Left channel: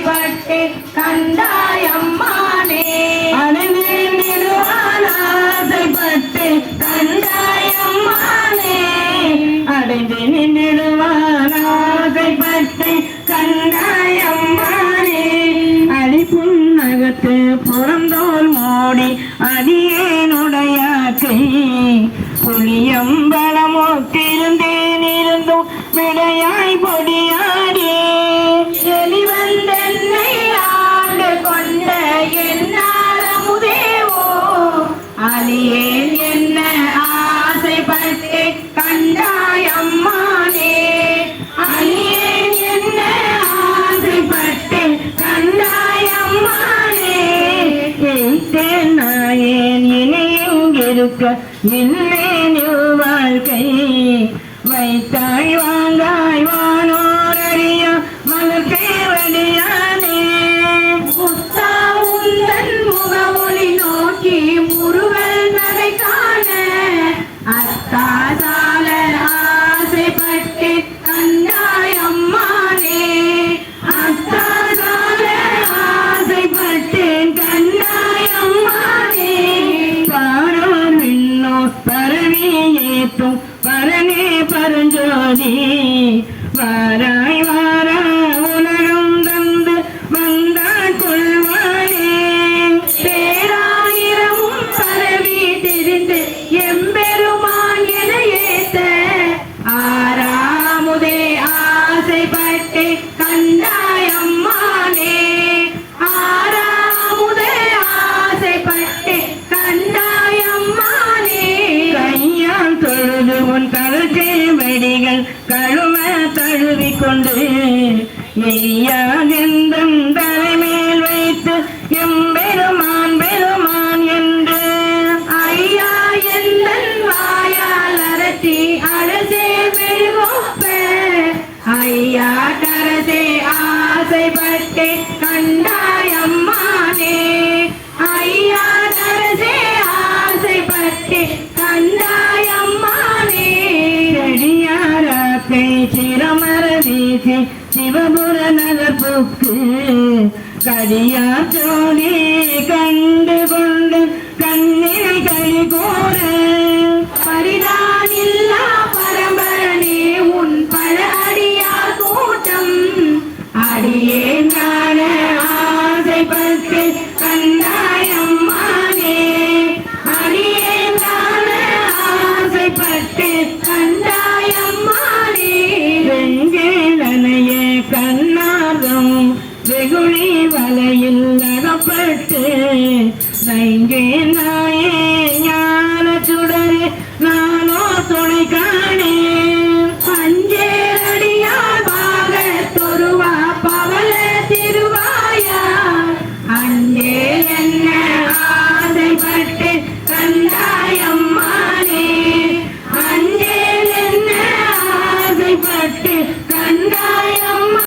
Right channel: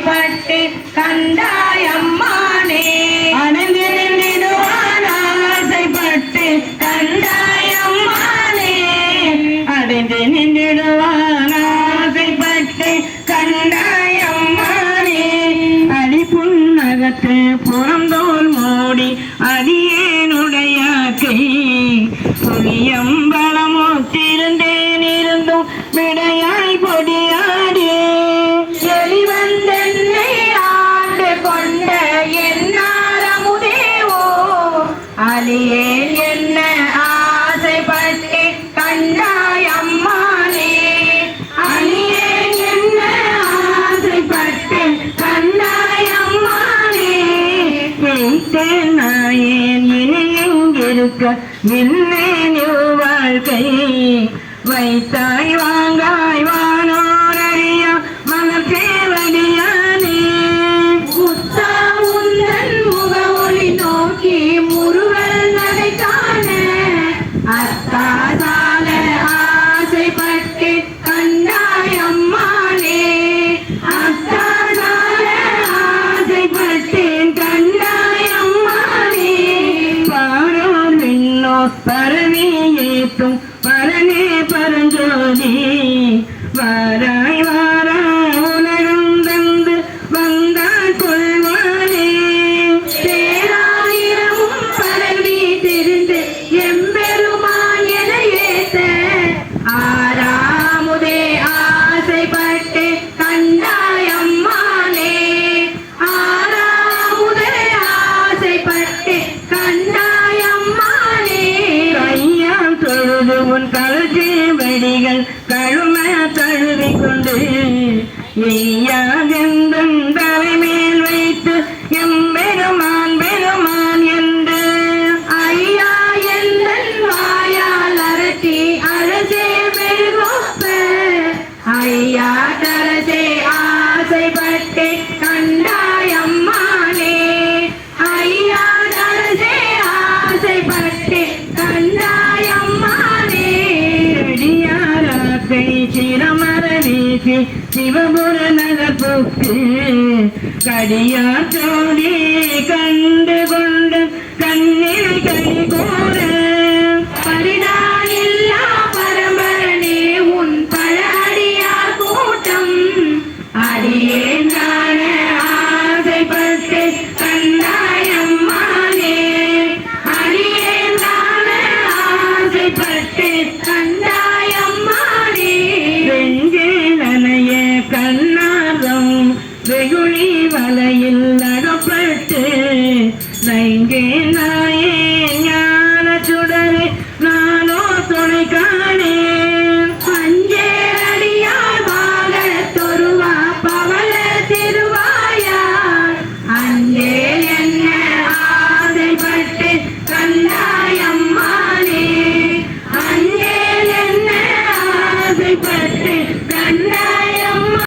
ஆசைப்பட்டு கண்டாயம்மானே அடைந்து நின்றிடுவான் ஆசைப்பட்டு கண்டாயம்மானே அடைந்து நின்றிடுவான் ஆசைப்பட்டு கண்டாயம்மானே அடிப்புன்னகத்து புறந்தோல் மோடி அடியேனுடைய கை புளியம்பலமோக்கிருந்தேன் இருந்தும் விடையாய் பொடியாடே வெளிவந்தென்னை ஆண்டு கொண்ட என்னால் அமுதேவோ அலியேன் என்ன ஆசைப்பட்டு கண்டாயம்மானே அலியேன் என்ன ஆசைப்பட்டு கண்டாயம்மானே எய்த்தேன் நாயேன் இணையெங்கிருக்க இல்லேன் வாழ்க்கை வைத்தாய் வாங்காய் வானோரறிய மலர்கேவடியானே முத்தா உந்தன் முகவொளி நோக்கி முருவல் நடை காண அத்தாசால ஆசைப்பட்டு கண்டாயம்மானே அத்தாசால ஆசைப்பட்டேன் கண்டாயம்மானே பாரோர் விண்ணோ பரவி ஏத்தும் பரனே பரஞ்சோதி வாராய் வாராய் உலகம் தந்து வந்தாள் கொள்வானே பேராயிரமும் பரவி திரிந்து எம்பெருமான் என ஏத்த ஆறாமுதே ஆசைப்பட்டு கண்டாயம்மானே ஆறாமுதே ஆசைப்பட்டு கண்டாயம்மானே கையால் தொழுது உன் கழுத்தை வெடிகள் கழும தழுவிக்கொண்டு எய்யாதெந்தன் தலைமேல் வைத்து எம்பெருமான் பெருமான் என்று ஐயா எந்தன் வாயால் அரட்டி அழசே மெழுகொப்ப ஐயா தரசே ஆசைப்பட்டு கண்டாயம்மானே ஐயா தரசே ஆசைப்பட்டு கண்டாயம்மானே செடியாராப்பை சிரமர வீசி சிவபுர நகப்புக்கு கடியார் சோதி கண்டு கொண்டு கண்ணில் கை கோர பரிதானில்லா பரம்பரனே உன் பல அடியார் கூட்டம் அடியேன் காண ஆசைப்பட்டு கண்டாயம்மானே அடியேன் காண ஆசைப்பட்டு கண்டாயம்மானே வெங்கே நனைய கண்ணாகம் வெகுளி வலையில் அகப்பட்டு நைங்கே நாய